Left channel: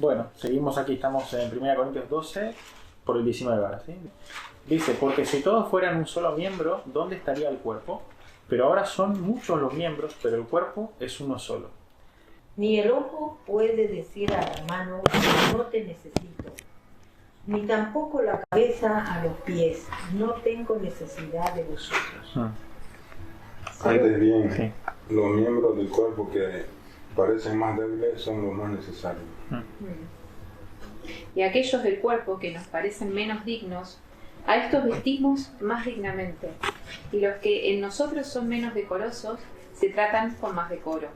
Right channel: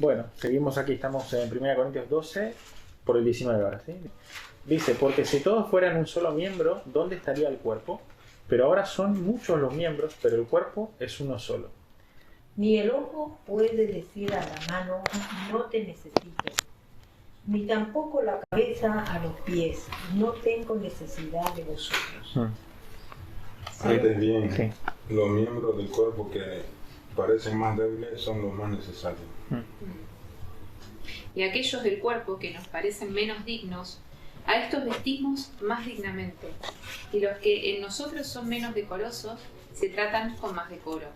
Bueno, seguimos aquí, estamos en 1 Corintios 12, por el 19 ahora, ¿sí? Dice, porque si todos fueran un solo miembro, ¿dónde estaría el cuerpo? Pero ahora son muchos los miembros, pero el cuerpo es uno solo. Ni el ojo puede decir a la mano, no te necesito, ni tampoco la cabeza a los pies, no tengo necesidad de vosotros. Antes bien, Sí. los miembros del cuerpo que parecen más débiles son los más necesarios. Y aquellos del cuerpo que nos parecen menos dignos, a estos vestimos más dignamente, y los que en nosotros son menos decorosos se tratan con más decoro.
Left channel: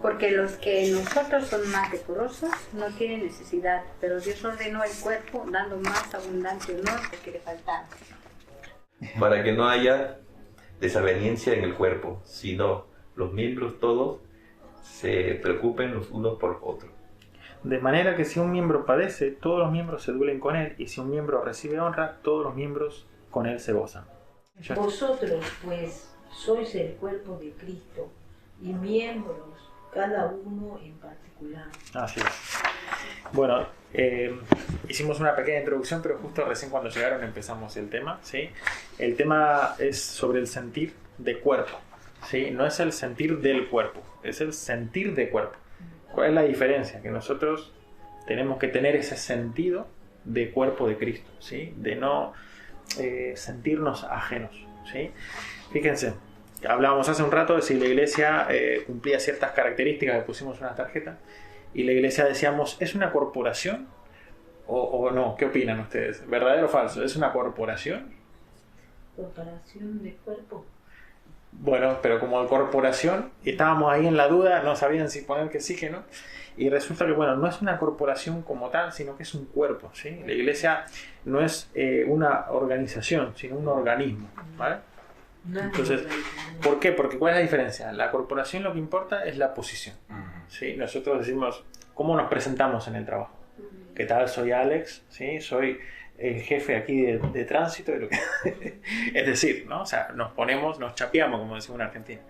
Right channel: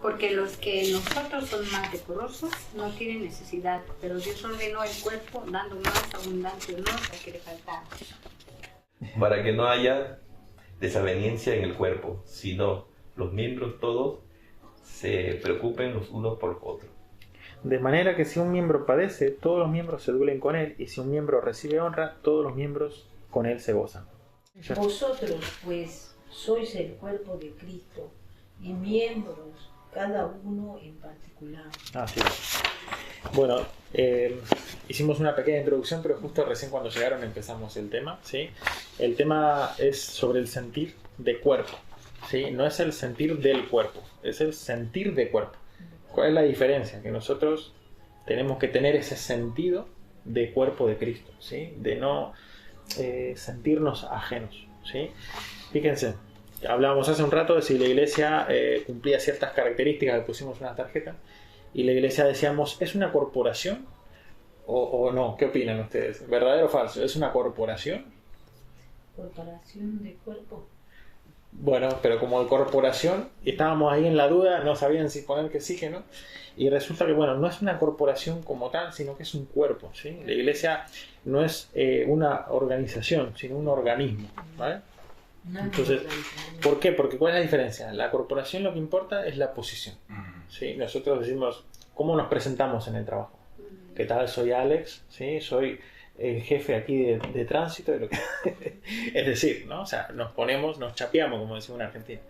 Porque los que en nosotros son más decorosos no tienen necesidad, pero Dios ordenó el cuerpo dando más abundante honor al que le faltaba. Para que no haya desaveniencia en el cuerpo, sino los miembros todos se preocupen los unos por los otros. De manera que si un miembro padece, todos los miembros se duelen con él, y si un miembro recibe honra, todos los miembros con él se gozan. Vosotros, pues, sois el cuerpo de Cristo, y miembros, cada uno en particular. Así es. Bueno, hicimos una pequeña introducción, pero justo recién cuando llegaron empezamos el tema, ¿sí? El tema es sobre el sentir de cuerpo, ¿sí? No es el sentir del cuerpo, es el sentir de cuerpo. ¿Cuál es la diferencia? Que nosotros tenemos que tener ese sentido de cuerpo de Cristo, ¿sí? De no sentirnos ajenos, ¿sí? Fíjense, hablábamos hace un rato de si la iglesia cumplía ciertas características, le pusimos una tarjeta, y la iglesia decíamos, ¿es una corporación o no? ¿Qué opinan ustedes? ¿Verdadero o falso? ¿Es una corporación? Corporación de cuerpo. Bueno, pero como corporación, estábamos ahí en la duda, no sabían si poner que sí, que no. Y resulta que, bueno, no es una corporación como tal, sino que es un cuerpo, ¿sí? La iglesia no es una organización, sino un organismo, ¿vale? Entonces, ¿por qué? Porque ¿cuál es la diferencia? La corporación lo que importa es la posición, ¿sí? Nosotros decimos, ¿cómo nos presentamos en el trabajo? ¿Qué tal? Soy Alex, ¿sí? Soy el jefe aquí de tránsito, de lo que es decir, ¿no? O sea, nos chapeamos, como decimos en Argentina.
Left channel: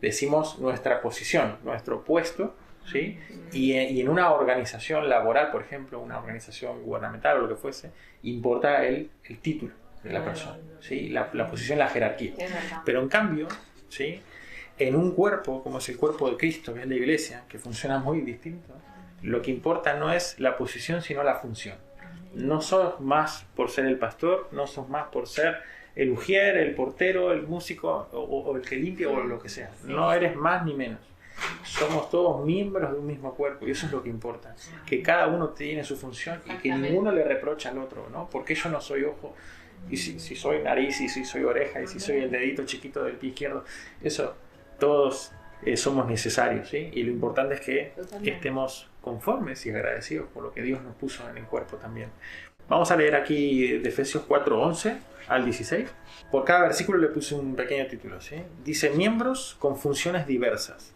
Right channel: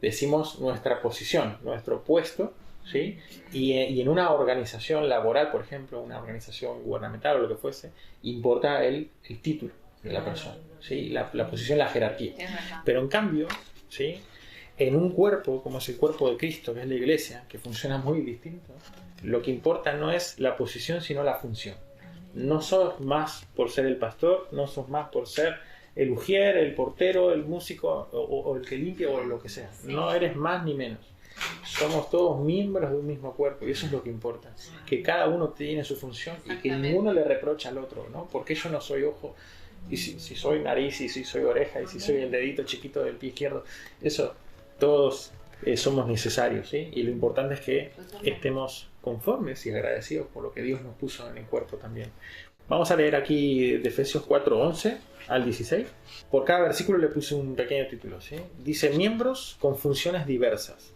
Decimos nuestra posición, nuestro puesto, ¿sí? Y en una organización laboral, por ejemplo, una organización gubernamental o lo que fuese, importa el título de la persona, ¿sí? La posición, la jerarquía. Pero en cambio, ¿sí? En un cuerpo, como es el cuerpo de Cristo, que es la iglesia, que funciona muy distinto, lo que importa no es la posición, sino la función. No sos más por ser el pastor, no sos más por ser el ujier, el portero, el músico o el que limpia o lo que sea. No eres más ni menos. Somos todos miembros de un mismo cuerpo y eso es lo que importa. Que cada uno tiene su función y que ninguno le reprocha al otro, ¿no? Porque yo no soy ojo y si soy nariz y si soy oreja y si soy el dedito chiquito del pie izquierdo. Eso, todos somos necesarios, ¿sí? Y lo importante es que estemos conformes y agradecidos por lo que Dios nos puso en el cuerpo también. Vamos a leer aquí de Efesios 4:11 al 16. Por cada versículo le puse un pequeño título, ¿sí? Dice, miembros con funciones diversas.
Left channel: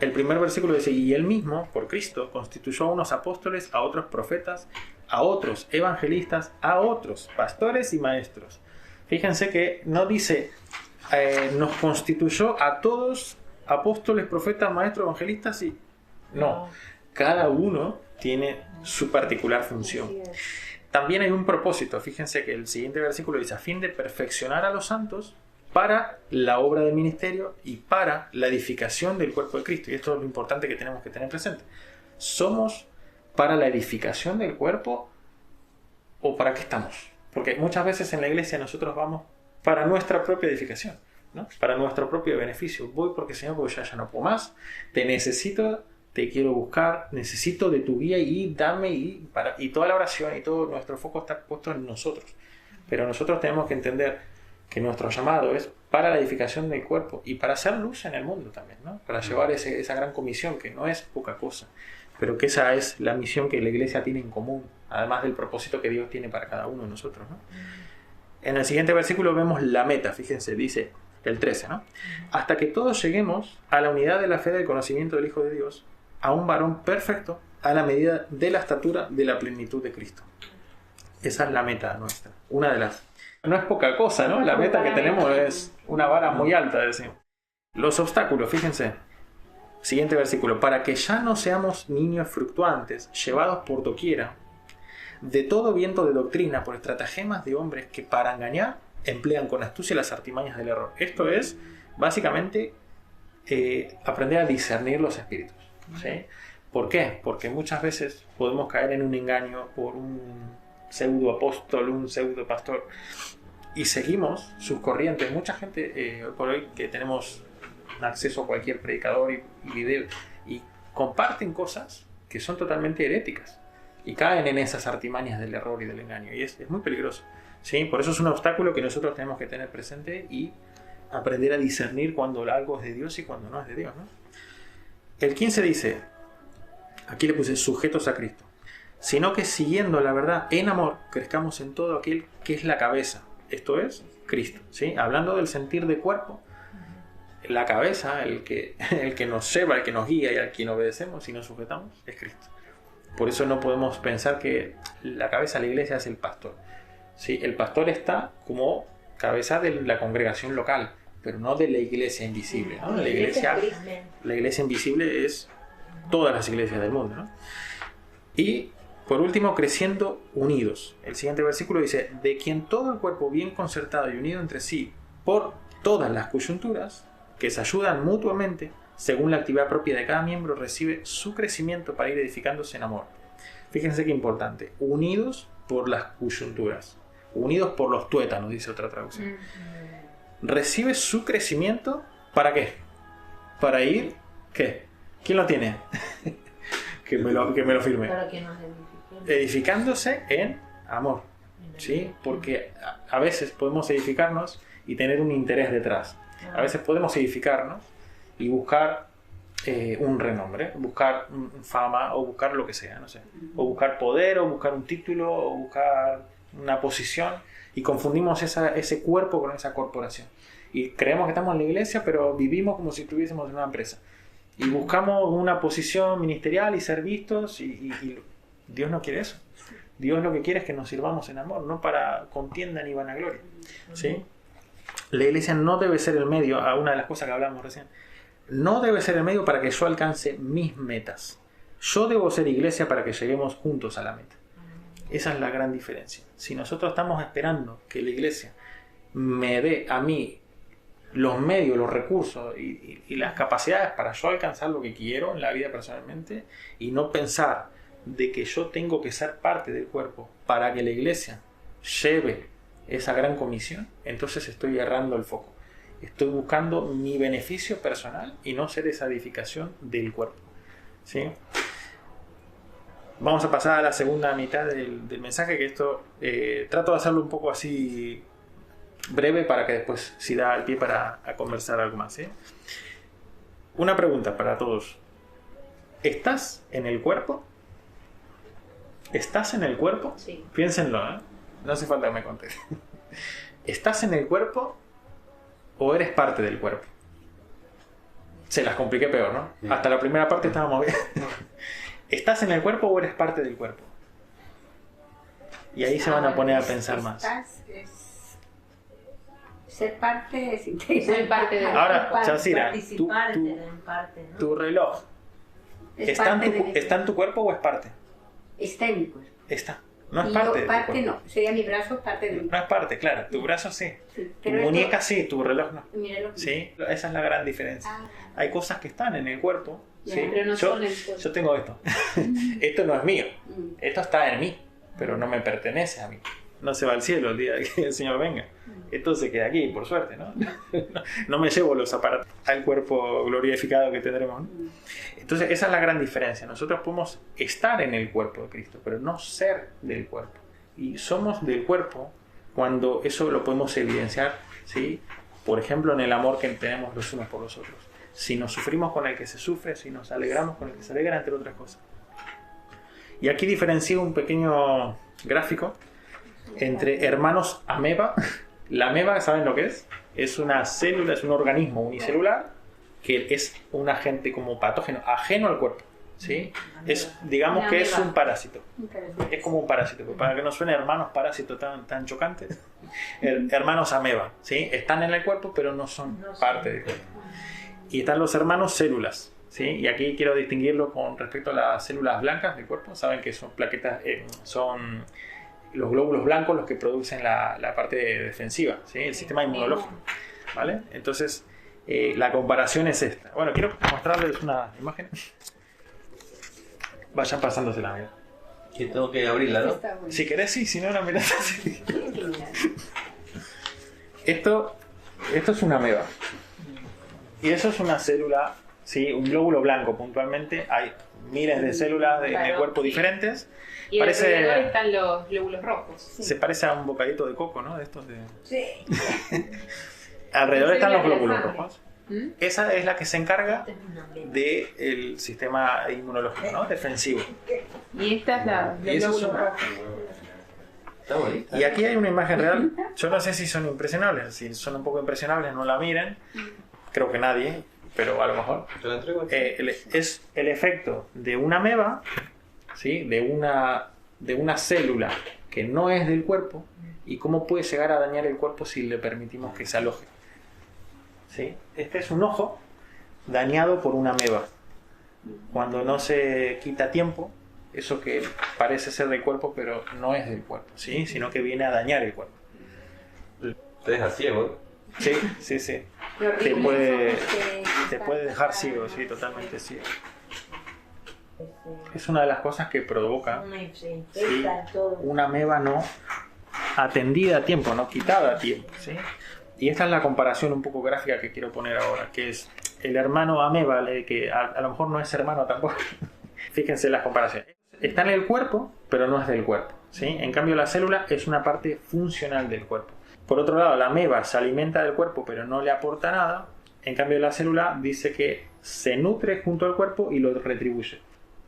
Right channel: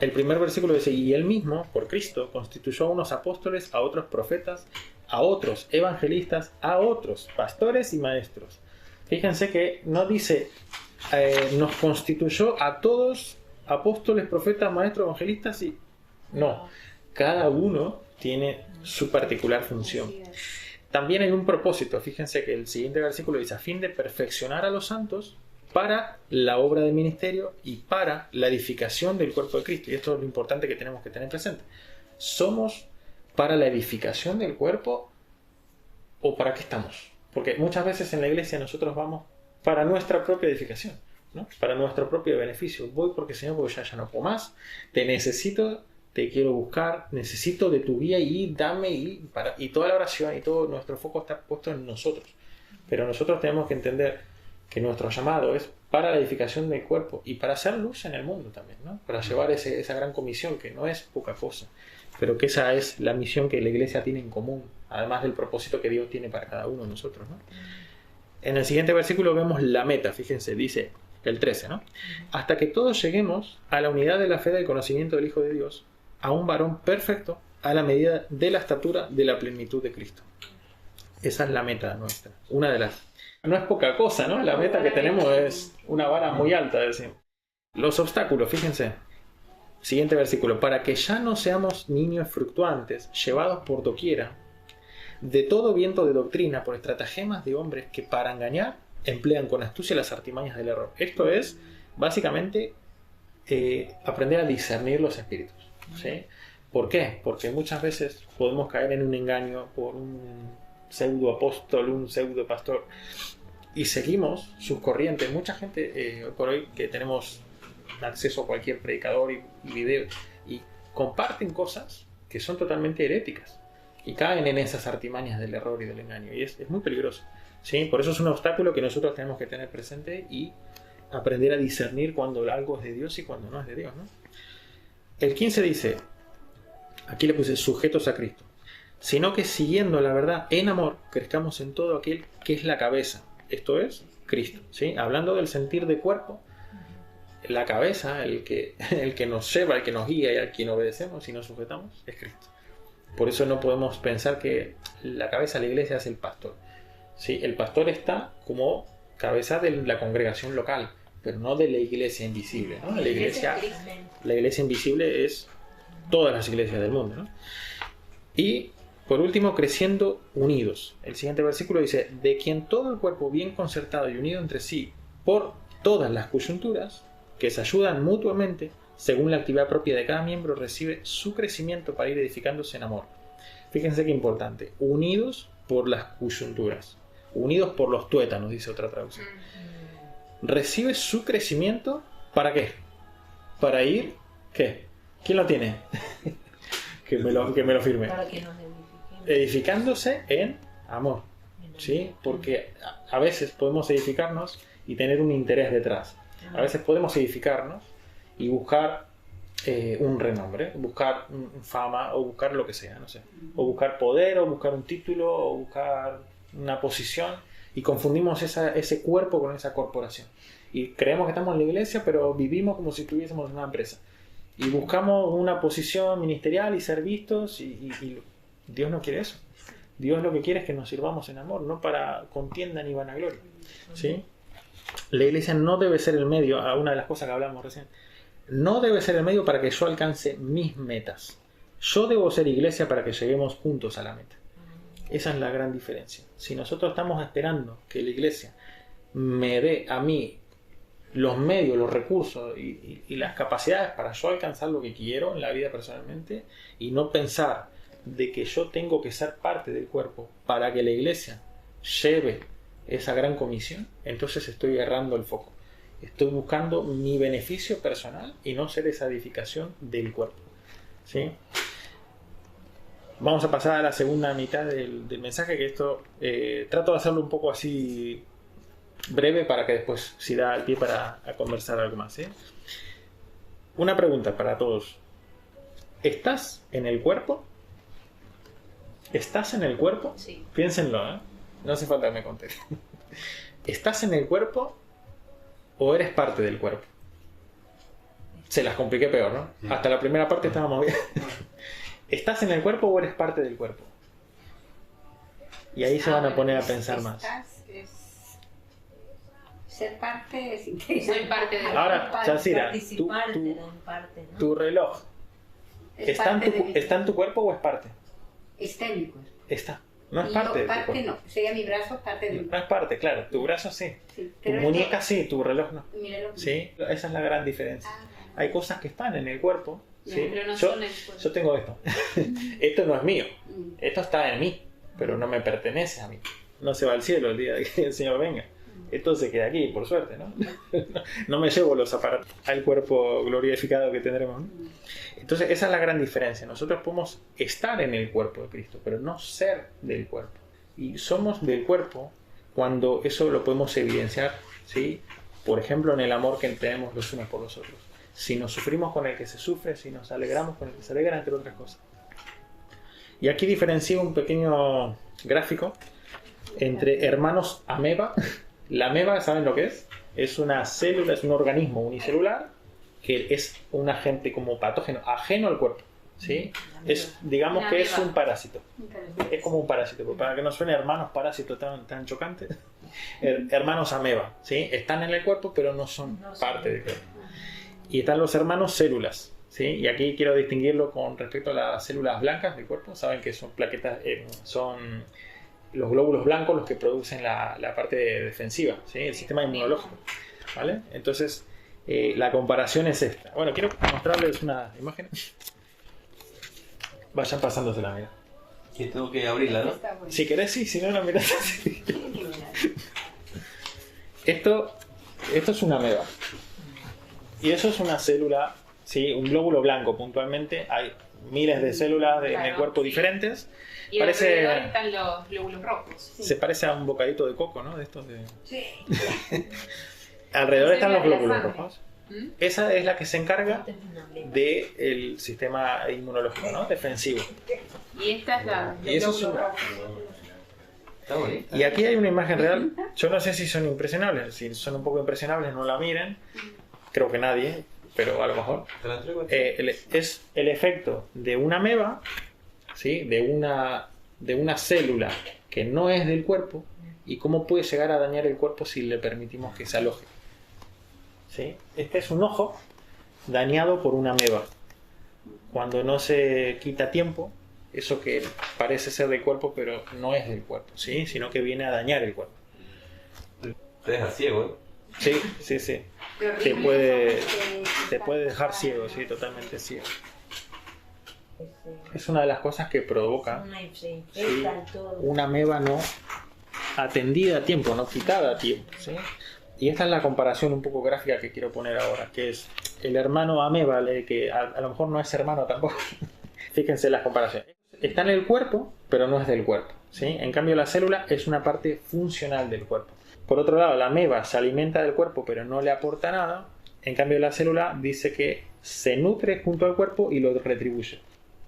El primer versículo dice, y él mismo, por Cristo, constituyó a unos apóstoles, a otros profetas, a otros evangelistas, a otros pastores y maestros. Fíjense que no dice, nos constituyó a todos apóstoles, profetas, maestros, evangelistas y... No, cada uno tiene su particular función. También hay un propósito. Fíjense que el siguiente versículo dice, a fin de perfeccionar a los santos para la obra del ministerio y para la edificación del cuerpo de Cristo. Y esto es lo importante que tenemos que tener presente. ¿Somos para la edificación del cuerpo o para qué estamos? Porque muchas veces en la iglesia nosotros vamos para nuestra propia edificación, ¿no? Para nuestro propio beneficio. Voy porque Señor, porque ya no puedo más, te necesito, te quiero buscar, necesito de tu guía y dame, y toda la oración y todo nuestro foco está puesto en nosotros. Pero nosotros tenemos que entender que nuestro llamado es para la edificación del cuerpo y para hacer luz en el mundo también, ¿no? Para llevar esa gran comisión que no es poca cosa, pero que esa es la misión que la iglesia tiene en común, además del propósito que Dios tiene para cada uno de nosotros, ¿no? En el siguiente versículo vemos la meta, fíjense, dice el 13, ¿no? Hasta que todos lleguemos a la unidad de la fe del conocimiento del Hijo de Dios, a un varón perfecto, a la medida de la estatura de la plenitud de Cristo. Esa es la meta nuestra, una de las... No es poca cosa, ¿no? La meta que tenemos es una vara muy alta, decimos. Los obstáculos, fíjense. Siguiente versículo. Para que ya no seamos niños fluctuantes, llevados por doquiera, de todo viento de doctrina, por estratagemas de hombres que para engañar emplean con astucia las artimañas del error. Esto es, básicamente, aprender a discernir los espíritus. ¿Sí? ¿Por qué? Porque muchas veces podemos caer en un engaño por un pseudo apóstol, un pseudo pastor, y seguimos sus corrientes. Mucha gente, hoy por hoy, que tenemos acceso a cualquier predicador y video, y comparten cosas que son totalmente heréticas y caen en esas artimañas del error y del engaño, y es muy peligroso. ¿Sí? Por eso es un obstáculo que nosotros tenemos que tener presente y aprender a discernir cuando algo es de Dios y cuando no es de Dios, ¿no? El 15 dice, aquí le puse sujetos a Cristo, sino que siguiendo la verdad en amor crezcamos en todo aquel que es la cabeza, esto es Cristo. ¿Sí? Hablando del sentir de cuerpo, la cabeza, el que nos lleva, el que nos guía y al quien obedecemos y nos sujetamos, es Cristo. Por eso no podemos pensar que la cabeza de la iglesia es el pastor. ¿Sí? El pastor está como cabeza de la congregación local, pero no de la iglesia invisible, ¿no? La iglesia invisible es todas las iglesias del mundo, ¿no? Y por último, creciendo unidos. El siguiente versículo dice, de quien todo el cuerpo bien concertado y unido entre sí por todas las coyunturas que se ayudan mutuamente según la actividad propia de cada miembro, recibe su crecimiento para ir edificándose en amor. Fíjense qué importante, unidos por las coyunturas, unidos por los tuétanos, dice otra traducción. Recibe su crecimiento, ¿para qué? Para ir, ¿qué? ¿Quién lo tiene? que me lo firme. Para que nos edifiquemos. Edificándose en amor, ¿sí? Porque a veces podemos edificarnos y tener un interés detrás. A veces podemos edificarnos y buscar un renombre, buscar fama o buscar lo que sea, no sé. O buscar poder, o buscar un título, o buscar una posición, y confundimos ese cuerpo con esa corporación. Y creemos que estamos en la iglesia, pero vivimos como si estuviésemos en una empresa. Y buscamos una posición ministerial y ser vistos, y Dios no quiere eso. Dios lo que quiere es que nos sirvamos en amor, no para contienda ni vanagloria. ¿Sí? La iglesia no debe ser el medio, una de las cosas que hablamos recién, no debe ser el medio para que yo alcance mis metas. Yo debo ser iglesia para que lleguemos juntos a la meta. Esa es la gran diferencia. Si nosotros estamos esperando que la iglesia me dé a mí los medios, los recursos y las capacidades para yo alcanzar lo que quiero en la vida personalmente, y no pensar de que yo tengo que ser parte del cuerpo para que la iglesia lleve esa gran comisión, entonces estoy errando el foco. Estoy buscando mi beneficio personal y no ser esa edificación del cuerpo. ¿Sí? Vamos a pasar a la segunda mitad del mensaje, que esto trato de hacerlo un poco así breve para que después si da el pie para conversar algo más. ¿Sí? Una pregunta para todos. ¿Estás en el cuerpo? ¿Estás en el cuerpo? Sí. Piénsenlo, ¿eh? No hace falta que me contesten. ¿Estás en el cuerpo o eres parte del cuerpo? Se las compliqué peor, ¿no? Sí. Hasta la primera parte estábamos bien. ¿Estás en el cuerpo o eres parte del cuerpo? Y ahí se van a poner a pensar más. Ser parte es Ser parte de Ahora, Chancira, Participar en parte, ¿no? tu reloj, ¿está en tu cuerpo o es parte? Está en mi cuerpo. Está. No es Y parte yo, de tu parte cuerpo. no, sería mi brazo parte de mi No es parte, claro. Tu brazo sí. sí, Tu pero muñeca sí, tu reloj no. Míralo. Sí, esa es la gran diferencia. Ah, Hay cosas que están en el cuerpo. Ya, ¿sí? pero no son el cuerpo. Yo tengo esto. Esto no es mío. mm, Esto está en mí, pero no me pertenece a mí. No se va al cielo el día que el Señor venga. Esto se queda aquí, por suerte, ¿no? No me llevo los aparatos al cuerpo glorificado que tendremos, ¿no? Entonces, esa es la gran diferencia. Nosotros podemos estar en el cuerpo de Cristo, pero no ser del cuerpo. Y somos del cuerpo cuando eso lo podemos evidenciar, ¿sí? Por ejemplo, en el amor que tenemos los unos por los otros. Si nos sufrimos con el que se sufre, si nos alegramos con el que se alegra, entre otras cosas. Y aquí diferencio un pequeño gráfico entre hermanos ameba. La ameba, ¿saben lo que es? Es una célula, es un organismo unicelular que es un agente como patógeno, ajeno al cuerpo. ¿Sí? Digamos que es un parásito. Es como un parásito, para que no suene hermanos parásitos tan chocantes. Hermanos ameba, ¿sí? Están en el cuerpo, pero no son parte del cuerpo. Y están los hermanos células, ¿sí? Y aquí quiero distinguirlo con respecto a las células blancas del cuerpo. Saben que son plaquetas, son los glóbulos blancos los que producen la parte defensiva, ¿sí? El sistema inmunológico, ¿vale? Entonces, la comparación es esta. Bueno, quiero mostrarles una imagen. Vayan pasándosela, mira. Que tengo que abrirla, ¿no? Está bueno. Si querés, sí, si no, la mirás así. Esto es una ameba. Y eso es una célula, ¿sí? Un glóbulo blanco puntualmente. Hay miles de células en el Claro, cuerpo sí. diferentes. Y alrededor están los glóbulos rojos. Se parece a un bocadito de coco, ¿no? De estos de... Sí. Alrededor están los Sería la glóbulos sangre. rojos. ¿Mm? Esa es la que se encarga Esta es una meba. del sistema inmunológico, ¿no? Defensivo. Y esta es la Y eso es glóbulo una- rojo. Está bonita. Y aquí hay una imagen real. Yo no sé si son impresionables. Si son un poco impresionables, no la miren. Creo que nadie, pero a lo mejor. Te la entrego aquí. Es el efecto de una ameba, ¿sí? De una célula que no es del cuerpo y cómo puede llegar a dañar el cuerpo si le permitimos que se aloje. ¿Sí? Este es un ojo dañado por una ameba. Cuando no se quita a tiempo, eso que parece ser del cuerpo, pero no es del cuerpo, ¿sí? Sino que viene a dañar el cuerpo. Te deja ciego, ¿eh? Sí, sí, sí. Qué Te horrible. te puede dejar ciego, sí, totalmente ciego. Es una de las cosas que provoca Se infecta todo. una ameba no atendida a tiempo, no quitada a tiempo, ¿sí? Y esta es la comparación un poco gráfica que quiero poner ahora, que es el hermano ameba, que a lo mejor no es hermano tampoco. Fíjense las comparaciones. Está en el cuerpo, pero no es del cuerpo, ¿sí? En cambio, la célula es una parte funcional del cuerpo. Por otro lado, la ameba se alimenta del cuerpo, pero no le aporta nada. En cambio, la célula dice que se nutre junto al cuerpo y lo retribuye.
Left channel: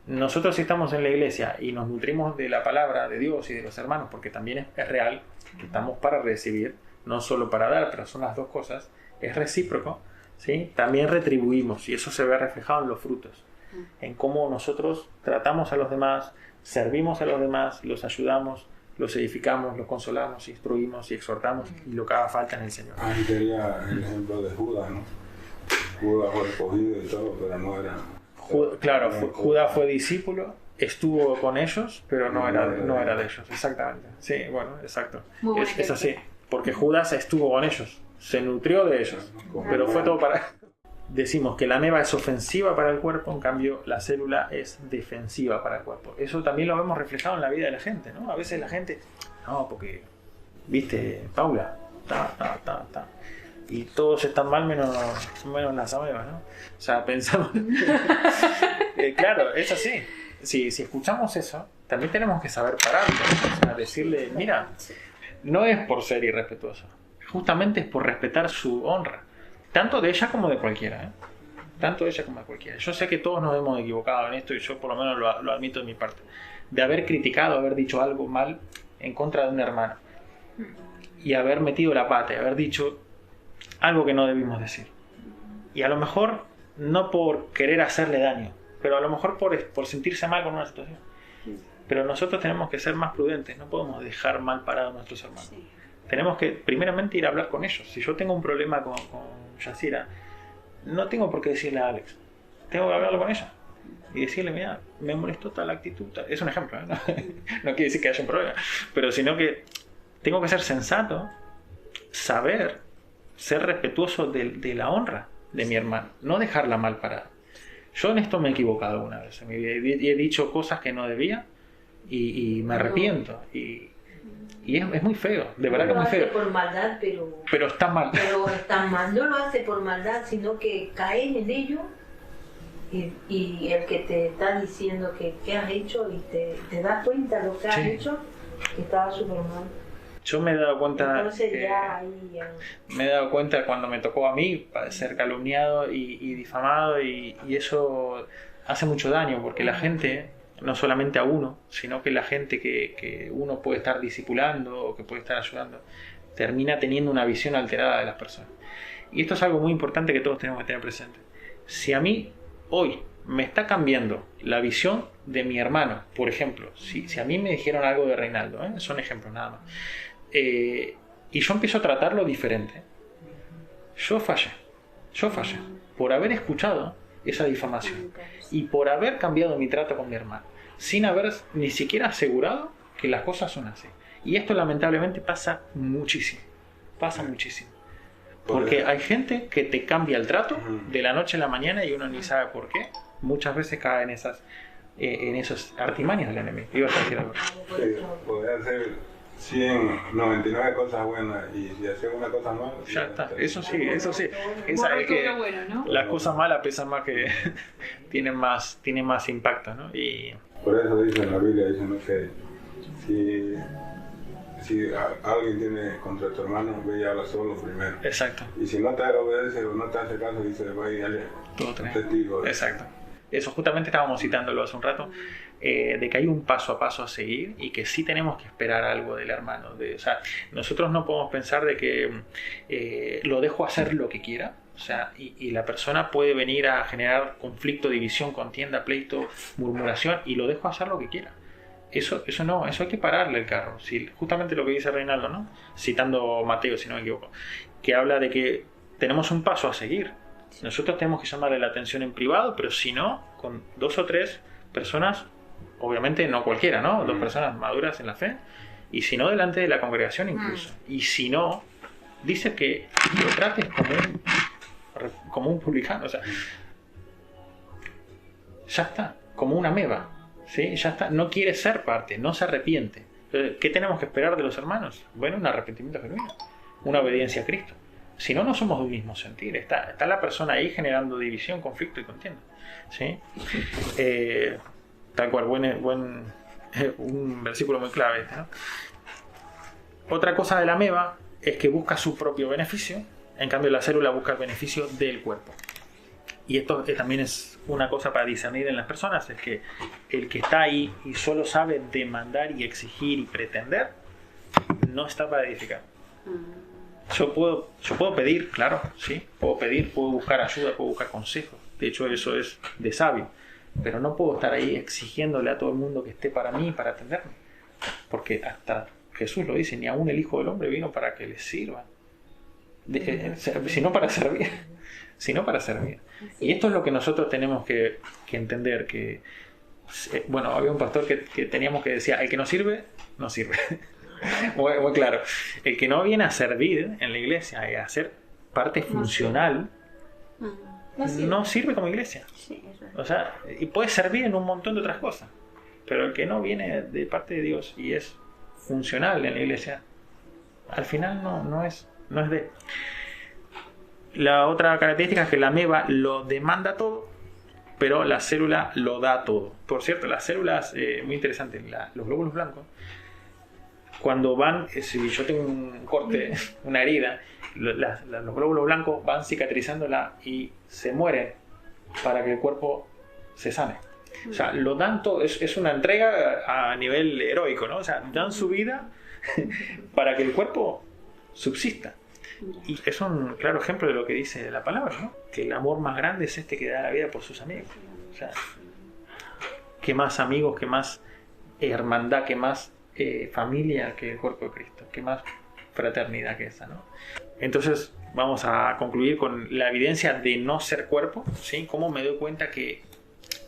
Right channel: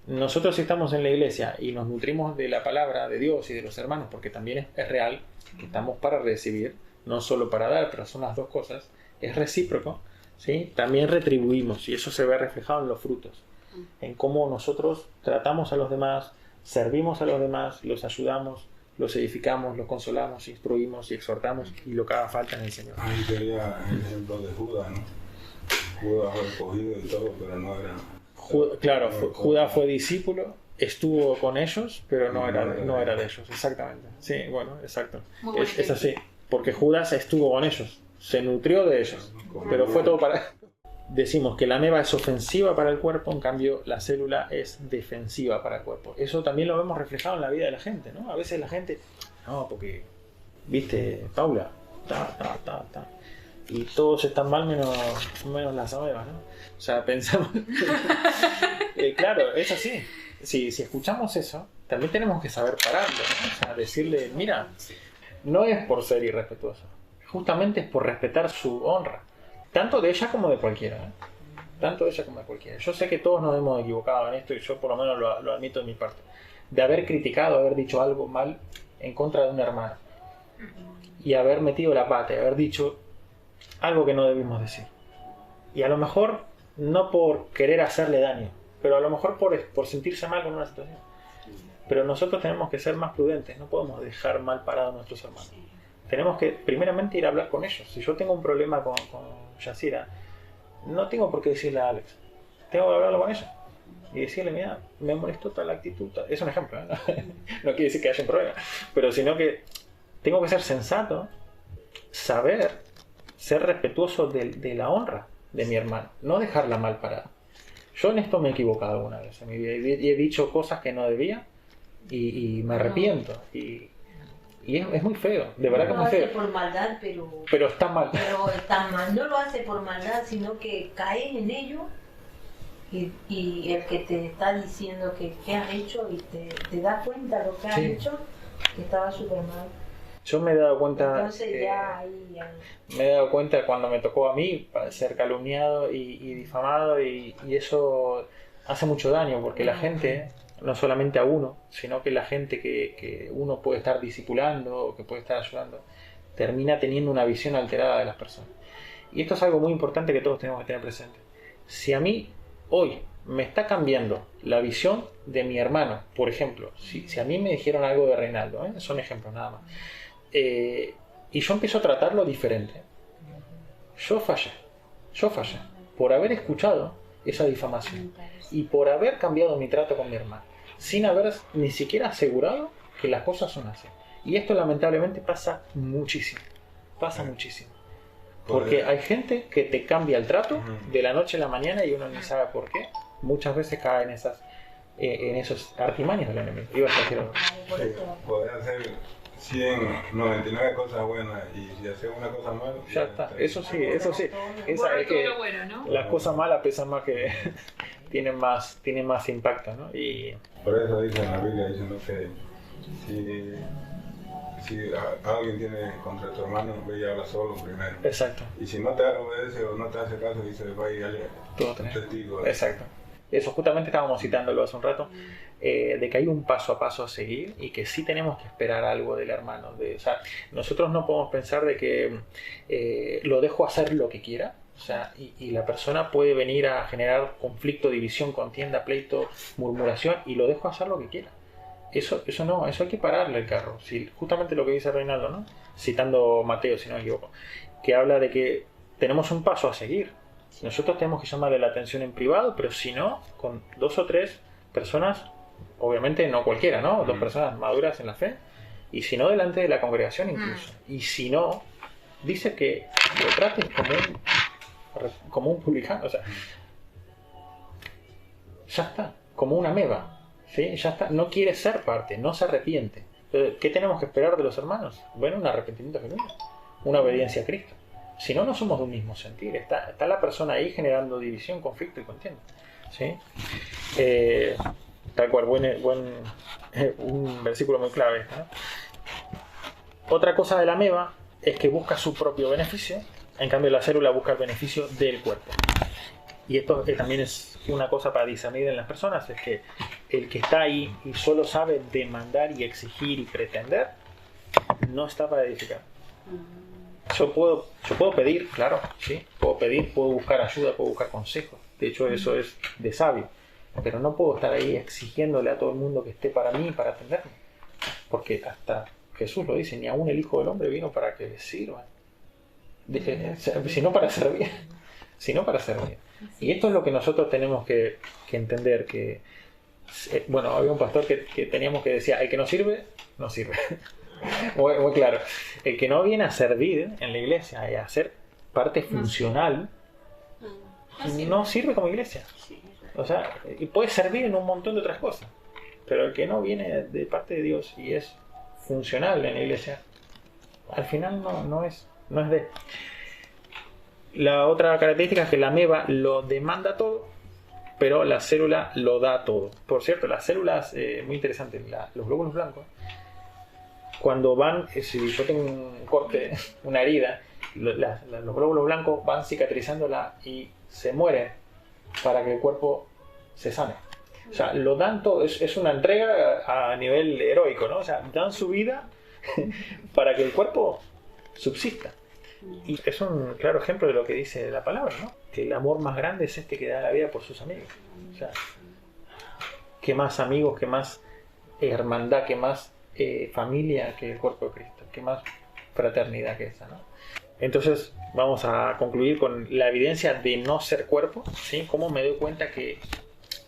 Nosotros, si estamos en la iglesia y nos nutrimos de la palabra de Dios y de los hermanos, porque también es real que estamos para recibir, no solo para dar, pero son las dos cosas, es recíproco, ¿sí? También retribuimos y eso se ve reflejado en los frutos, en cómo nosotros tratamos a los demás, servimos a los demás, los ayudamos, los edificamos, los consolamos, instruimos y exhortamos y lo que haga falta en el Señor. Ahí sería el ejemplo de Judas, ¿no? Judas fue escogido y todo, pero no era... Claro, Judas fue discípulo, estuvo con ellos, pero no era de ellos, exactamente. Sí, bueno, exacto. Muy buen Es así, porque Judas estuvo con ellos, se nutrió de ellos, pero fue todo para... Decimos que la ameba es ofensiva para el cuerpo, en cambio la célula es defensiva para el cuerpo. Eso también lo vemos reflejado en la vida de la gente, ¿no? A veces la gente, no, porque, viste, Paula, y todos están mal menos las amebas, ¿no? O sea, pensamos... claro, es así. Si escuchamos eso, también tenemos que saber pararlo, ¿no? O sea, decirle, mira, no es por ser irrespetuoso, justamente es por respetar su honra. Tanto de ella como de cualquiera, ¿eh? Tanto de ella como de cualquiera. Yo sé que todos nos hemos equivocado en esto y yo por lo menos lo admito de mi parte. De haber criticado, haber dicho algo mal en contra de un hermano. Y haber metido la pata, y haber dicho algo que no debimos decir. Y a lo mejor no por querer hacerle daño, pero a lo mejor por sentirse mal con una situación. Pero nosotros tenemos que ser más prudentes, no podemos dejar mal parados a nuestros hermanos. Tenemos que primeramente ir a hablar con ellos. Si yo tengo un problema con Yacira, no tengo por qué decirle a Alex, tengo que hablarlo con ella y decirle, mira, me molestó tal actitud, tal. Es un ejemplo, ¿eh? No quiere decir que haya un problema, pero sino que tengo que ser sensato, saber, ser respetuoso de la honra de mi hermano, no dejarla mal parada. Yo en esto me he equivocado alguna vez en mi vida y he dicho cosas que no debía y me arrepiento y es muy feo, de verdad que es muy No lo hace feo, por maldad, pero está mal. pero está mal. No lo hace por maldad, sino que caen en ello y el que te está diciendo que has hecho y te das cuenta de lo que has Sí. hecho, que estaba súper mal. Yo me he dado cuenta, Entonces ya ahí ya... me he dado cuenta cuando me tocó a mí ser calumniado y difamado y eso hace mucho daño porque la gente, no solamente a uno, sino que la gente que uno puede estar discipulando o que puede estar ayudando, termina teniendo una visión alterada de las personas. Y esto es algo muy importante que todos tenemos que tener presente. Si a mí hoy me está cambiando la visión de mi hermano, por ejemplo, si a mí me dijeron algo de Reinaldo, son ejemplos nada más, y yo empiezo a tratarlo diferente, yo fallé por haber escuchado esa difamación. Y por haber cambiado mi trato con mi hermano, sin haber ni siquiera asegurado que las cosas son así. Y esto lamentablemente pasa muchísimo. Pasa muchísimo. Porque hay gente que te cambia el trato de la noche a la mañana y uno ni sabe por qué. Muchas veces cae en esos artimañas del enemigo. Ibas a decir algo. Sí, podés hacer 99 cosas buenas y si haces una cosa mala... Ya está, eso sí. Esa es que Lo bueno, ¿no? las cosas malas pesan más que... tienen más impacto, ¿no? Y Por eso dice en la Biblia, dice, ¿no?, que si alguien tiene contra tu hermano, ve y habla solo primero. exacto. Y si no te obedece o no te hace caso, dice, va y dale Todo tenés. testigo. Exacto. Eso justamente estábamos citándolo hace un rato, de que hay un paso a paso a seguir y que sí tenemos que esperar algo del hermano. O sea, nosotros no podemos pensar de que lo dejo hacer lo que quiera. O sea, y la persona puede venir a generar conflicto, división, contienda, pleito, murmuración y lo dejo hacer lo que quiera. Eso no, eso hay que pararle el carro. Justamente lo que dice Reinaldo, ¿no? Citando Mateo, si no me equivoco, que habla de que tenemos un paso a seguir. Nosotros tenemos que llamarle la atención en privado, pero si no, con 2 o 3 personas, obviamente no cualquiera, ¿no? 2 personas maduras en la fe, y si no, delante de la congregación incluso. Y si no, dice que lo trates como un publicano, o sea, ya está, como una ameba, ¿sí? Ya está, no quiere ser parte, no se arrepiente. Entonces, ¿qué tenemos que esperar de los hermanos? Bueno, un arrepentimiento genuino, una obediencia a Cristo. Si no, no somos de un mismo sentir. Está la persona ahí generando división, conflicto y contienda, ¿sí? Tal cual, un versículo muy clave este, ¿no? Otra cosa de la ameba es que busca su propio beneficio, en cambio la célula busca el beneficio del cuerpo. Y esto también es una cosa para discernir en las personas, es que el que está ahí y solo sabe demandar y exigir y pretender, no está para edificar. Yo puedo pedir, claro, sí, puedo pedir, puedo buscar ayuda, puedo buscar consejo. De hecho, eso es de sabio. Pero no puedo estar ahí exigiéndole a todo el mundo que esté para mí, para atenderme. Porque hasta Jesús lo dice, ni aún el Hijo del Hombre vino para que les sirva. Sino para servir. Sino para servir. Y esto es lo que nosotros tenemos que entender. Que bueno, había un pastor que teníamos que decía, el que no sirve, no sirve. Muy claro. El que no viene a servir en la iglesia y a ser parte funcional, no sirve como iglesia. O sea, y puede servir en un montón de otras cosas. Pero el que no viene de parte de Dios y es funcional en la iglesia, al final no es de... La otra característica es que la ameba lo demanda todo, pero la célula lo da todo. Por cierto, las células, muy interesante, los glóbulos blancos, cuando van, si yo tengo un corte, una herida, los glóbulos blancos van cicatrizándola y se mueren para que el cuerpo se sane. O sea, lo dan todo, es una entrega a nivel heroico, ¿no? O sea, dan su vida para que el cuerpo subsista. Y es un claro ejemplo de lo que dice la palabra, ¿no? Que el amor más grande es este que da la vida por sus amigos. O sea, ¿qué más amigos, qué más hermandad, qué más familia que el cuerpo de Cristo? ¿Qué más fraternidad que esa, ¿no? Entonces, vamos a concluir con la evidencia de no ser cuerpo, ¿sí? ¿Cómo me doy cuenta que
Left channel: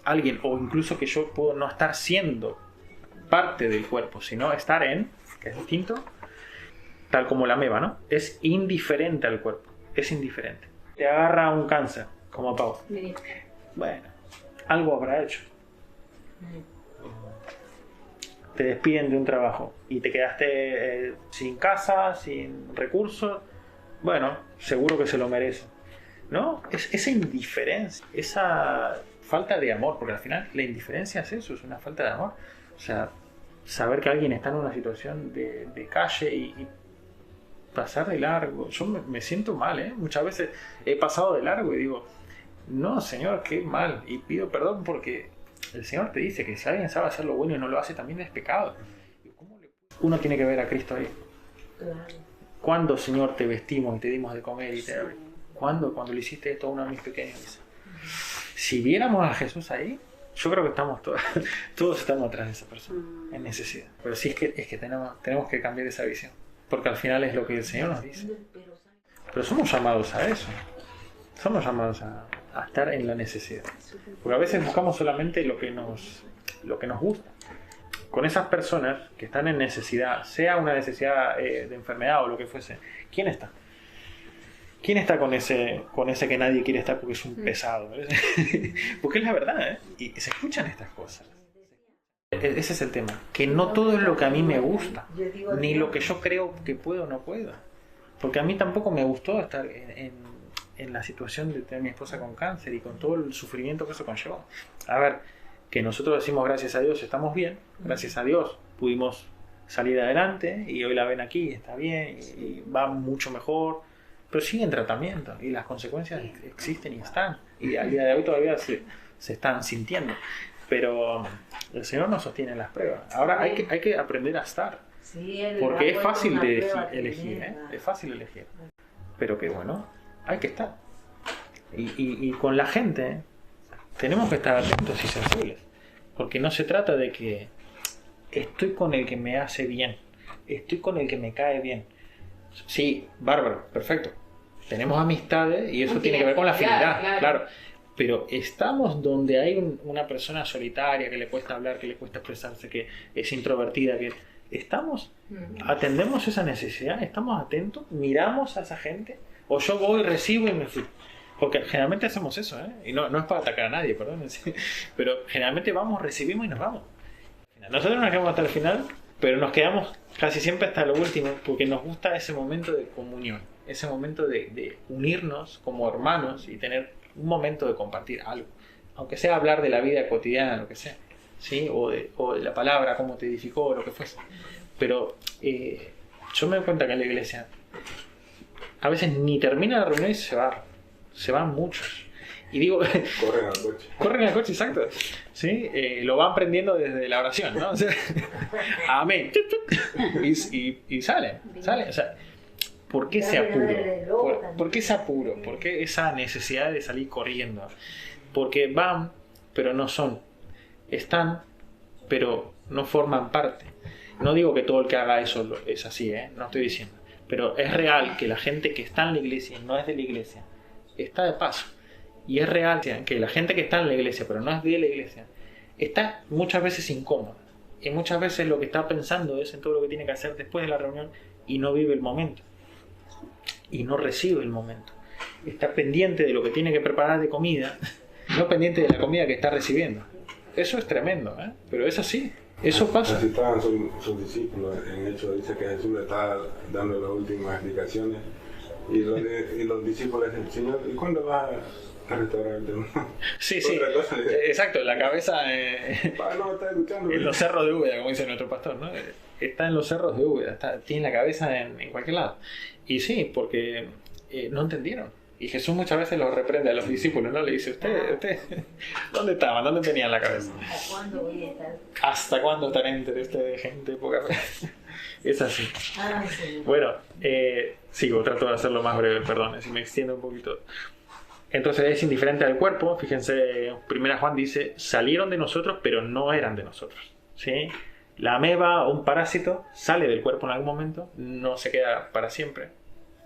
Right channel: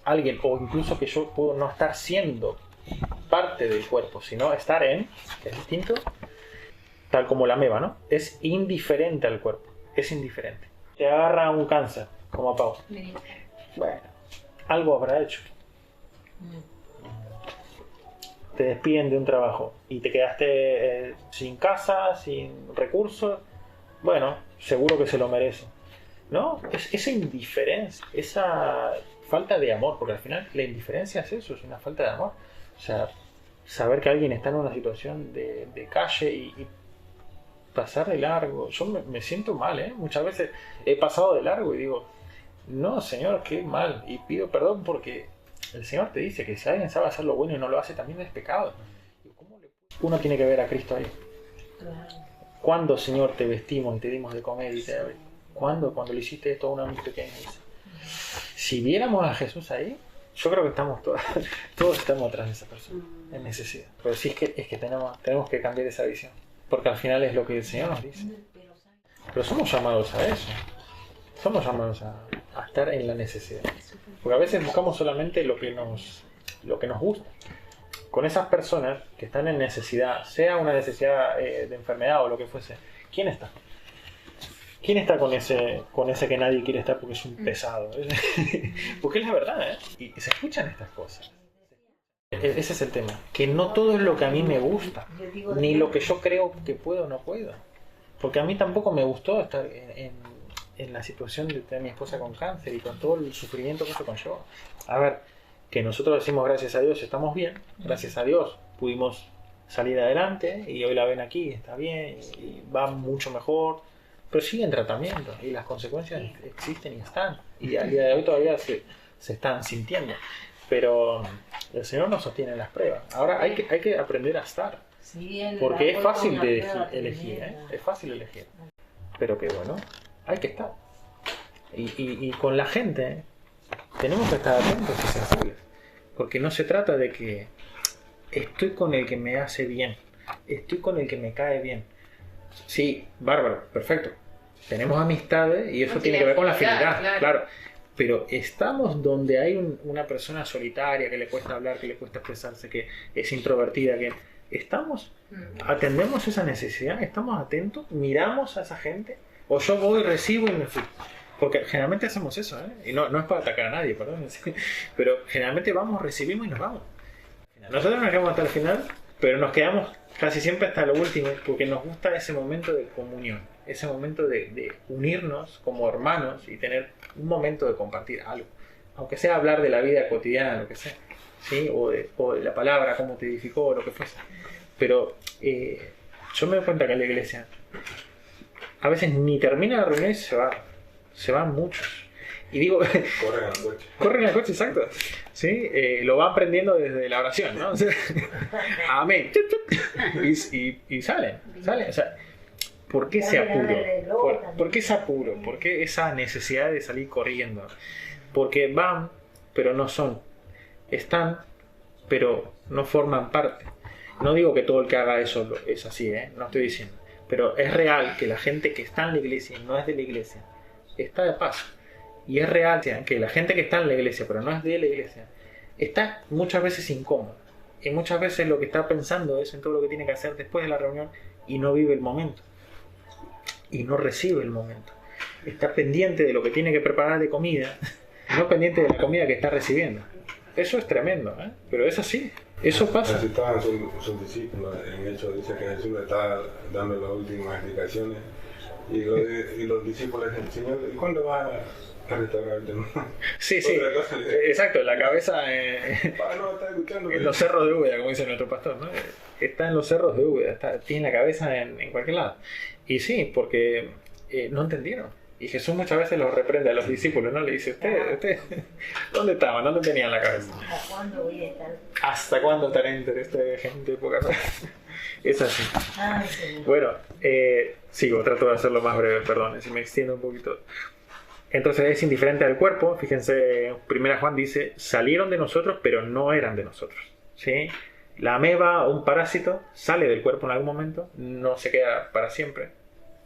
alguien, o incluso que yo puedo no estar siendo parte del cuerpo, sino estar en, que es distinto, tal como la ameba, ¿no? Es indiferente al cuerpo, es indiferente. Te agarra un cáncer, como a Pau. Bueno, algo habrá hecho. Te despiden de un trabajo y te quedaste sin casa, sin recursos. Bueno, seguro que se lo merece, ¿no? Esa indiferencia, esa falta de amor, porque al final la indiferencia es eso, es una falta de amor. O sea, saber que alguien está en una situación de calle y pasar de largo. Yo me siento mal, ¿eh? Muchas veces he pasado de largo y digo, no, Señor, qué mal. Y pido perdón porque el Señor te dice que si alguien sabe hacer lo bueno y no lo hace, también es pecado. Uno tiene que ver a Cristo ahí. ¿Cuándo, Señor, te vestimos y te dimos de comer? ¿Cuándo? Cuando le hiciste esto a uno de mis pequeños. Si viéramos a Jesús ahí, yo creo que estamos todos estamos atrás de esa persona, en necesidad. Pero sí es que tenemos que cambiar esa visión. Porque al final es lo que el Señor nos dice. Pero somos llamados a eso. Somos llamados a a estar en la necesidad. Porque a veces buscamos solamente lo que nos gusta. Con esas personas que están en necesidad, sea una necesidad de enfermedad o lo que fuese, ¿quién está? ¿Quién está con ese que nadie quiere estar porque es un pesado? Porque es la verdad, ¿eh? Y se escuchan estas cosas. Ese es el tema. Que no todo es lo que a mí me gusta, ni lo que yo creo que puedo o no puedo. Porque a mí tampoco me gustó estar en la situación de tener a mi esposa con cáncer y con todo el sufrimiento que se conllevó. A ver, que nosotros decimos gracias a Dios estamos bien, gracias a Dios pudimos salir adelante y hoy la ven aquí, está bien y va mucho mejor, pero sigue en tratamiento y las consecuencias existen y están. Y al día de hoy todavía se están sintiendo. Pero el Señor nos sostiene en las pruebas. Ahora hay que aprender a estar. Porque es fácil de elegir, ¿eh? Es fácil elegir. Pero que bueno, hay que estar. Y con la gente tenemos que estar atentos y sensibles. Porque no se trata de que estoy con el que me hace bien, estoy con el que me cae bien. Sí, bárbaro, perfecto. Tenemos amistades y eso tiene que ver con la afinidad, claro. Pero estamos donde hay una persona solitaria que le cuesta hablar, que le cuesta expresarse, que es introvertida, que estamos, atendemos esa necesidad, estamos atentos, miramos a esa gente, o yo voy, recibo y me fui. Porque generalmente hacemos eso, ¿eh? Y no es para atacar a nadie, perdón, pero generalmente vamos, recibimos y nos vamos. Nosotros nos quedamos hasta el final, pero nos quedamos casi siempre hasta lo último, porque nos gusta ese momento de comunión, ese momento de unirnos como hermanos y tener un momento de compartir algo, aunque sea hablar de la vida cotidiana, lo que sea, ¿sí? O de la palabra, cómo te edificó, o lo que fuese. Pero yo me doy cuenta que en la iglesia a veces ni termina la reunión y se van muchos. Y digo, corren al coche, exacto. ¿Sí? Lo van aprendiendo desde la oración, ¿no? O sea, amén. Y salen. O sea, ¿por qué ese apuro? ¿Por qué ese apuro? ¿Por qué esa necesidad de salir corriendo? Porque van, pero no son. Están, pero no forman parte. No digo que todo el que haga eso es así, ¿eh? No estoy diciendo. Pero es real que la gente que está en la iglesia y no es de la iglesia está de paso. Y es real que la gente que está en la iglesia, pero no es de la iglesia, está muchas veces incómoda. Y muchas veces lo que está pensando es en todo lo que tiene que hacer después de la reunión y no vive el momento. Y no recibe el momento. Está pendiente de lo que tiene que preparar de comida, no pendiente de la comida que está recibiendo. Eso es tremendo, ¿eh? Pero es así. Eso pasa. Así estaban sus discípulos. En Hechos dice que Jesús le estaba dando las últimas explicaciones. Y los discípulos del Señor, ¿y cuándo va a restaurarte? Sí, exacto, la cabeza en los cerros de Úbeda, como dice nuestro pastor, ¿no? Está en los cerros de Úbeda, tiene la cabeza en cualquier lado. Y sí, porque no entendieron. Y Jesús muchas veces los reprende a los discípulos, ¿no? Le dice, ¿usted dónde estaban? ¿Dónde tenían la cabeza? ¿Hasta cuándo voy a estar? ¿Hasta cuándo estaré entre ustedes, gente poca cosa? Es así. Sí. Bueno, sigo, trato de hacerlo más breve, perdón, si me extiendo un poquito. Entonces es indiferente al cuerpo. Fíjense, 1 Juan dice, salieron de nosotros, pero no eran de nosotros, ¿sí? La ameba o un parásito sale del cuerpo en algún momento, no se queda para siempre,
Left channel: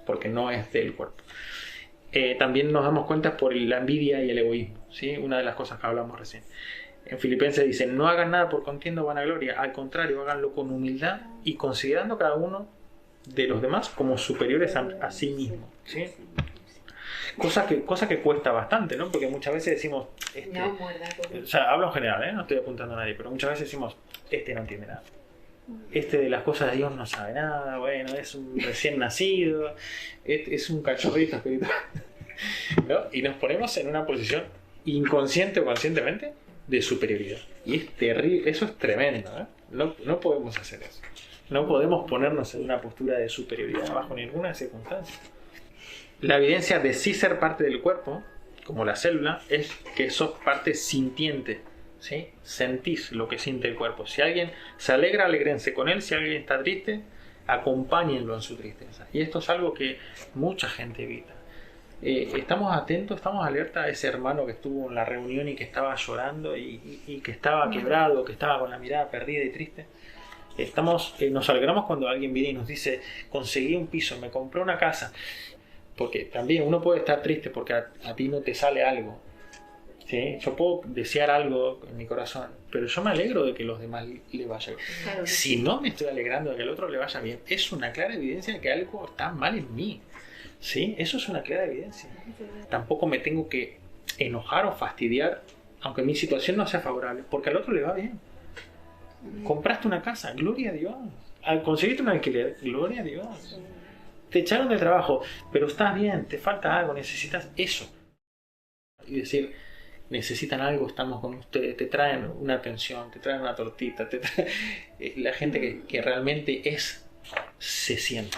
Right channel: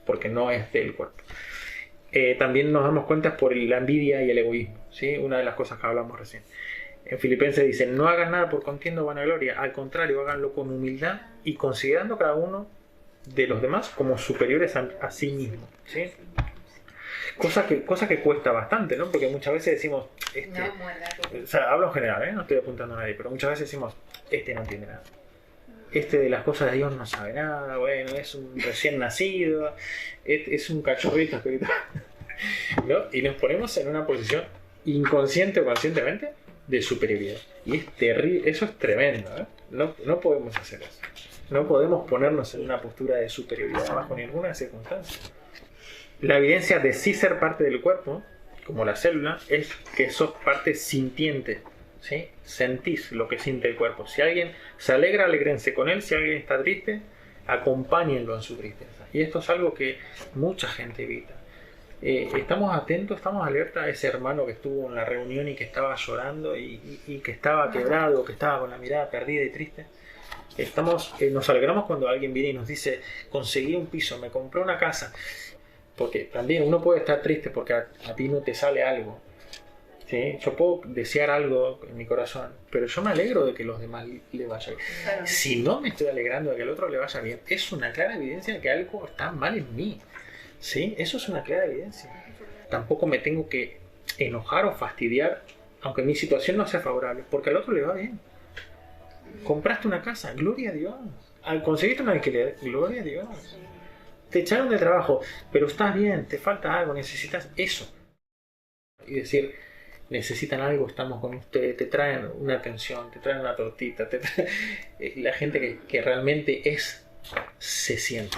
porque no es del cuerpo. También nos damos cuenta por la envidia y el egoísmo, ¿sí? Una de las cosas que hablamos recién. En Filipenses dice, no hagan nada por contienda o vanagloria, al contrario, háganlo con humildad y considerando cada uno de los demás como superiores a sí mismo, ¿sí? Cosa que cuesta bastante, ¿no? Porque muchas veces decimos, o sea, hablo en general, no estoy apuntando a nadie, pero muchas veces decimos, no entiende nada. De las cosas de Dios no sabe nada, bueno, es un recién nacido, es un cachorrito espiritual, ¿no? Y nos ponemos en una posición inconsciente o conscientemente de superioridad. Y es terrible, eso es tremendo, ¿eh? No podemos hacer eso. No podemos ponernos en una postura de superioridad bajo ninguna circunstancia. La evidencia de sí ser parte del cuerpo, como la célula, es que sos parte sintiente, ¿sí? Sentís lo que siente el cuerpo. Si alguien se alegra, alégrense con él. Si alguien está triste, acompáñenlo en su tristeza. Y esto es algo que mucha gente evita. Estamos atentos, estamos alerta a ese hermano que estuvo en la reunión y que estaba llorando y que estaba quebrado, que estaba con la mirada perdida y triste. Nos alegramos cuando alguien viene y nos dice, conseguí un piso, me compré una casa. Porque también uno puede estar triste porque a ti no te sale algo. ¿Sí? Yo puedo desear algo en mi corazón, pero yo me alegro de que los demás le vaya bien. Claro. Si no me estoy alegrando de que el otro le vaya bien, es una clara evidencia de que algo está mal en mí. ¿Sí? Eso es una clara evidencia. Tampoco me tengo que enojar o fastidiar, aunque mi situación no sea favorable, porque al otro le va bien. Compraste una casa, gloria a Dios. Conseguiste un alquiler, gloria a Dios. Te echaron de trabajo, pero estás bien, te falta algo, necesitas eso. Y decir, necesitan algo, estamos con ustedes, te traen una atención, te traen una tortita, la gente que realmente se siente.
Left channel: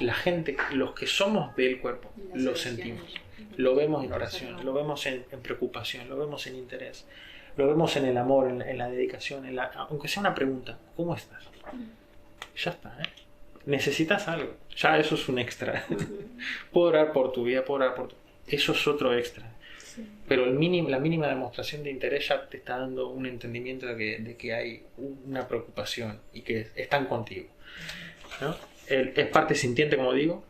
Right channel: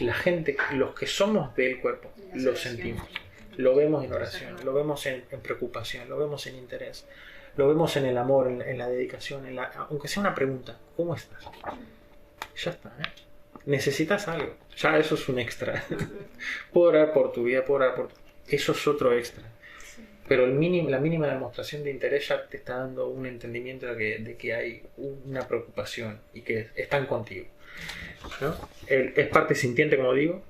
La gente, los que somos del cuerpo, lo sentimos. Lo vemos en oración, lo vemos en preocupación, lo vemos en interés, lo vemos en el amor, en la dedicación, aunque sea una pregunta, ¿cómo estás? Ya está, ¿eh? Necesitas algo, ya eso es un extra. Puedo orar por tu vida, puedo orar por tu... Eso es otro extra. Pero la mínima demostración de interés ya te está dando un entendimiento de que hay una preocupación y que están contigo, ¿no? Él es parte sintiente, como digo,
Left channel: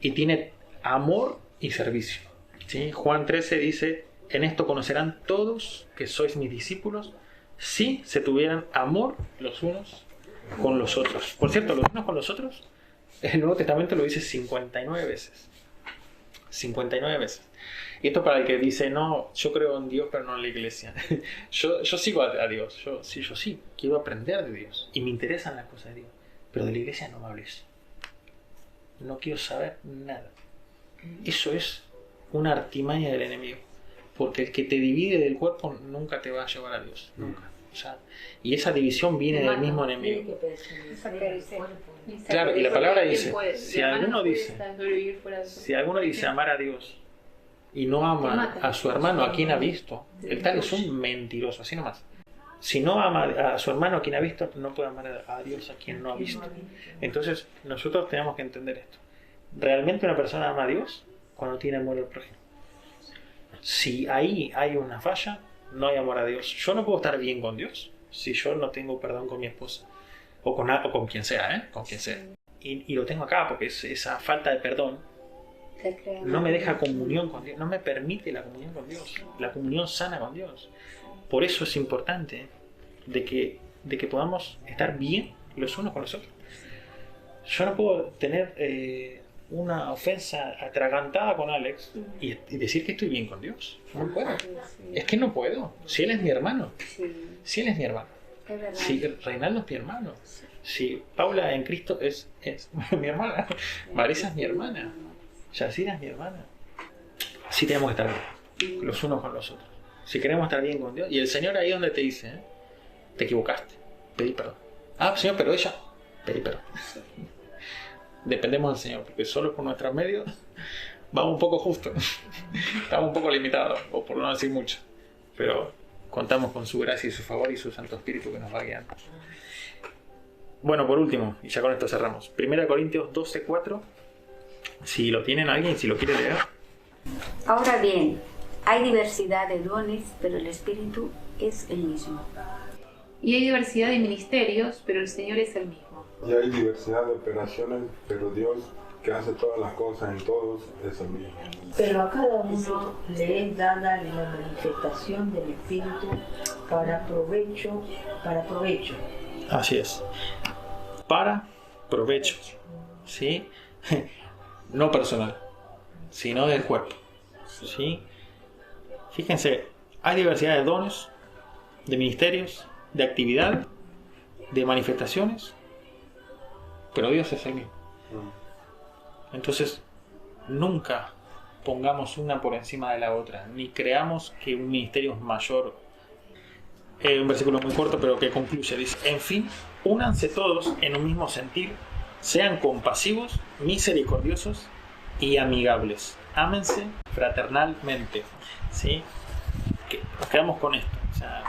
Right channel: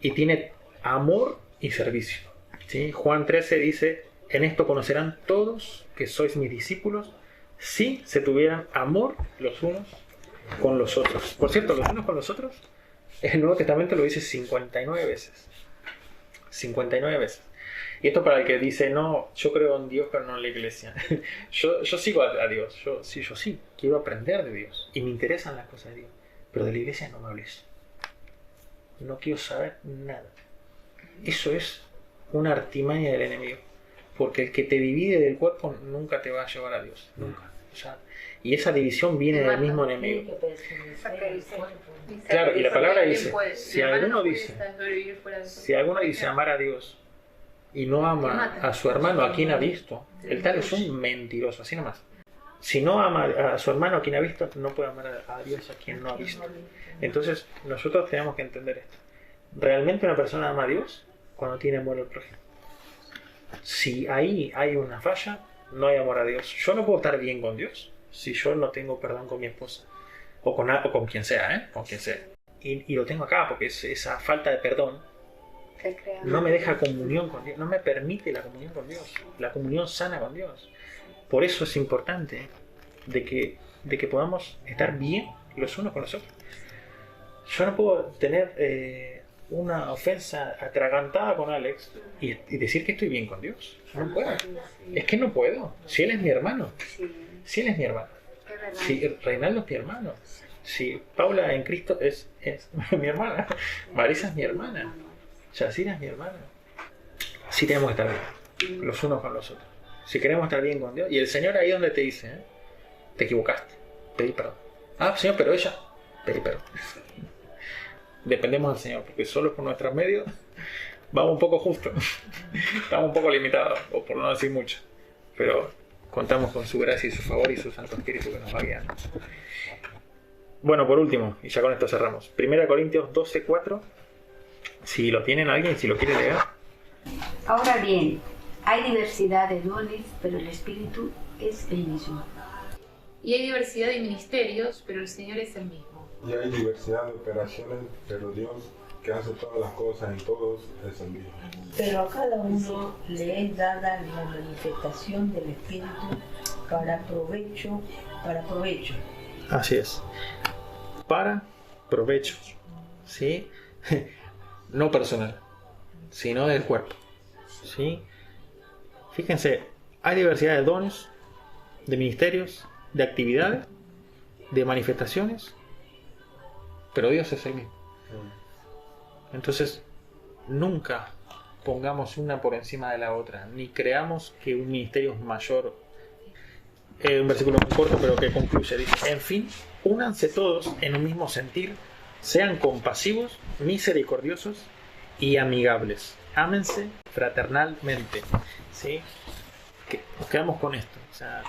y tiene amor y servicio, ¿sí? Juan 13 dice, en esto conocerán todos que sois mis discípulos si se tuvieran amor los unos con los otros. Por cierto, los unos con los otros, el Nuevo Testamento lo dice 59 veces. 59 veces. Y esto para el que dice, no, yo creo en Dios pero no en la iglesia. yo sigo a Dios, yo sí, quiero aprender de Dios y me interesan las cosas de Dios, pero de la iglesia no me hables. No quiero saber nada. Eso es una artimaña del enemigo, porque el que te divide del cuerpo nunca te va a llevar a Dios, nunca. O sea, y esa división viene del mismo enemigo. Claro, y la palabra dice, si alguno dice amar a Dios y no ama a su hermano a quien ha visto, el tal es un mentiroso, así nomás. Si no ama a su hermano a quien ha visto, no puede amar a Dios a quien no ha visto. Entonces nosotros tenemos que entender esto. ¿Realmente una persona ama a Dios? Cuando tiene amor al prójimo. Si ahí hay una falla, no hay amor a Dios. Yo no puedo estar bien con Dios si yo no tengo perdón con mi esposa o con quien sea, con quien sea. Y lo tengo acá porque esa falta de perdón no me deja comunión con Dios, no me permite la comunión con Dios, la comunión sana con Dios. Por eso es importante de que podamos estar bien los unos con los otros. Yo no puedo tener una ofensa atragantada con Alex y decir que estoy bien con Dios. No puedo. Es que no puedo. Si él es mi hermano. Si él es mi hermano. Si Reinaldo es mi hermano. Si Paula en Cristo es mi hermana. Marisa es mi hermana. Yacira es mi hermana. Sí tenemos que estar bien los unos con los otros. Si queremos estar bien con Dios. Y el Señor ahí donde te dice, te equivocaste, pedí perdón. Ah, Señor, pero ella, pedí perdón. Dependemos del Señor, porque solo por nuestros medios vamos un poco justos. Estamos un poco limitados, o por no decir mucho. Pero contamos con su gracia y su favor y su Santo Espíritu que nos va guiando. Bueno, por último, y ya con esto cerramos. 1 Corintios 12:4. Si lo tienen alguien, si lo quiere leer. Ahora bien, hay diversidad de dones, pero el Espíritu es el mismo. Y hay diversidad de ministerios, pero el Señor es el mismo. Y hay diversidad de operaciones, pero Dios, que hace todas las cosas en todos, es el mismo. Pero a cada uno le es dada la manifestación del Espíritu para provecho. Así es. Para provecho. ¿Sí? No personal, sino del cuerpo. ¿Sí? Fíjense, hay diversidad de dones, de ministerios, de actividad, de manifestaciones, pero Dios es el mismo. Entonces, nunca pongamos una por encima de la otra, ni creamos que un ministerio es mayor. Un versículo muy corto, pero que concluye, dice, en fin, únanse todos en un mismo sentir, sean compasivos, misericordiosos y amigables. Ámense fraternalmente. ¿Sí? Que nos quedamos con esto. O sea,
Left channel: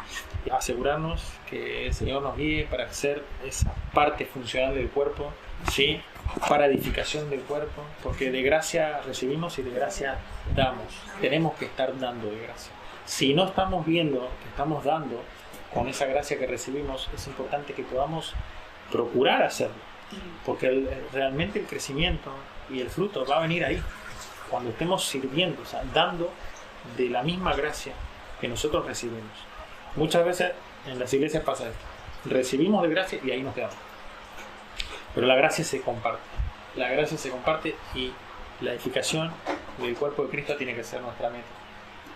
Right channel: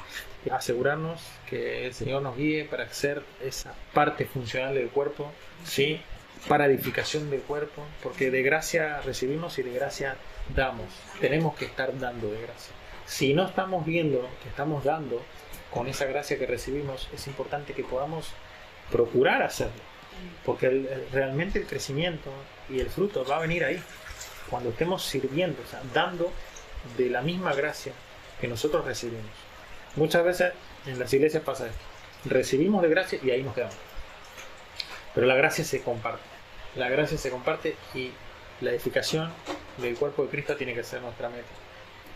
asegurarnos que el Señor nos guíe para ser esa parte funcional del cuerpo, ¿sí? Para edificación del cuerpo, porque de gracia recibimos y de gracia damos. Tenemos que estar dando de gracia. Si no estamos viendo que estamos dando con esa gracia que recibimos, es importante que podamos procurar hacerlo, porque realmente el crecimiento y el fruto va a venir ahí. cuando estemos sirviendo, o sea, dando de la misma gracia que nosotros recibimos. Muchas veces en las iglesias pasa esto. Recibimos de gracia y ahí nos quedamos. Pero la gracia se comparte. La gracia se comparte y la edificación del cuerpo de Cristo tiene que ser nuestra meta.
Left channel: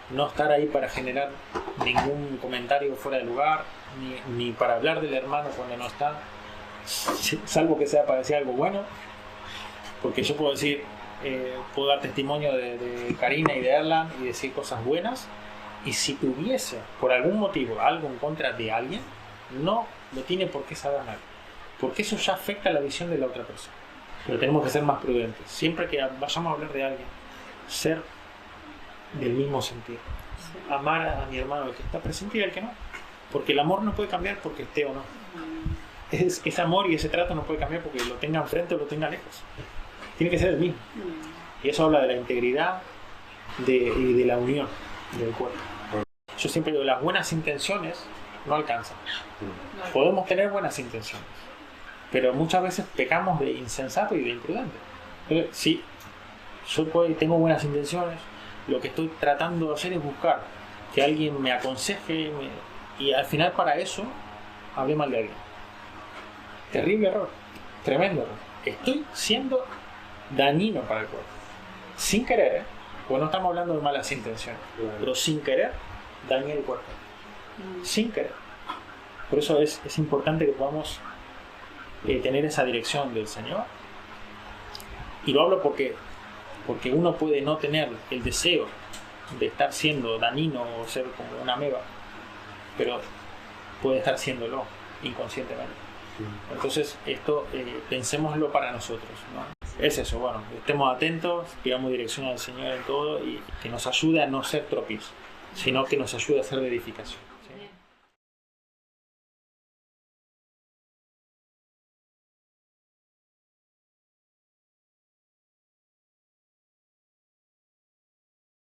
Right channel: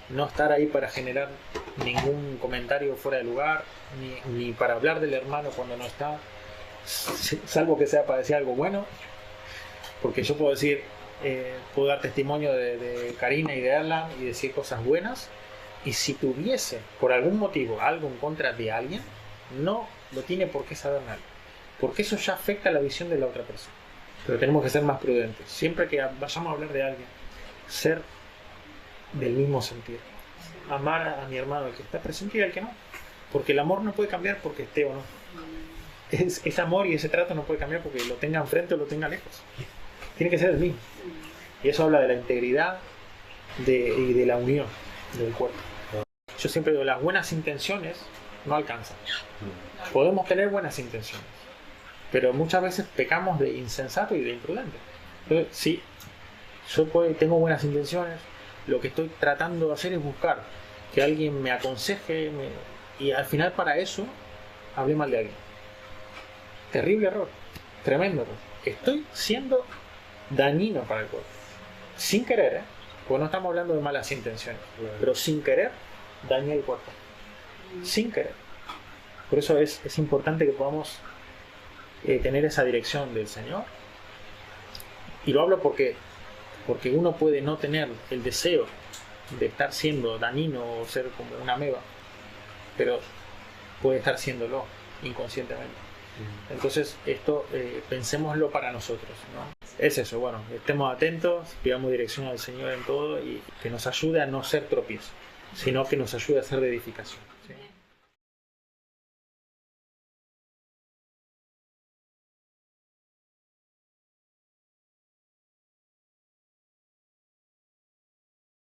No estar ahí para generar ningún comentario fuera de lugar, ni para hablar del hermano cuando no está, salvo que sea para decir algo bueno, porque yo puedo decir, puedo dar testimonio de Karina y de Erlan y decir cosas buenas, y si tuviese por algún motivo algo en contra de alguien, no lo tiene por qué saber nadie, porque eso ya afecta la visión de la otra persona. Pero tenemos que ser más prudentes. Siempre que vayamos a hablar de alguien, ser del mismo sentido. Amar a mi hermano, el que está presente y al que no. Porque el amor no puede cambiar porque esté o no. Ese amor y ese trato no puede cambiar porque lo tenga enfrente o lo tenga lejos. Tiene que ser el mismo. Y eso habla de la integridad y de la unión del cuerpo. Yo siempre digo, las buenas intenciones no alcanzan. Podemos tener buenas intenciones, pero muchas veces pecamos de insensato y de imprudente. Entonces, sí, yo tengo buenas intenciones, lo que estoy tratando de hacer es buscar que alguien me aconseje y al final para eso hablé mal de alguien. Terrible error, tremendo error. Estoy siendo dañino para el cuerpo. Sin querer, porque no estamos hablando de malas intenciones, pero sin querer dañé el cuerpo. Sin querer. Por eso es importante que podamos tener esa dirección del Señor. Y lo hablo porque uno puede no tener el deseo de estar siendo dañino o ser como una ameba, pero puede estar siéndolo inconscientemente. Entonces esto pensémoslo para nosotros, ¿no? Es eso, bueno, estemos atentos, pidamos dirección al Señor en todo y que nos ayude a no ser tropiezos, sino que nos ayude a ser de edificación.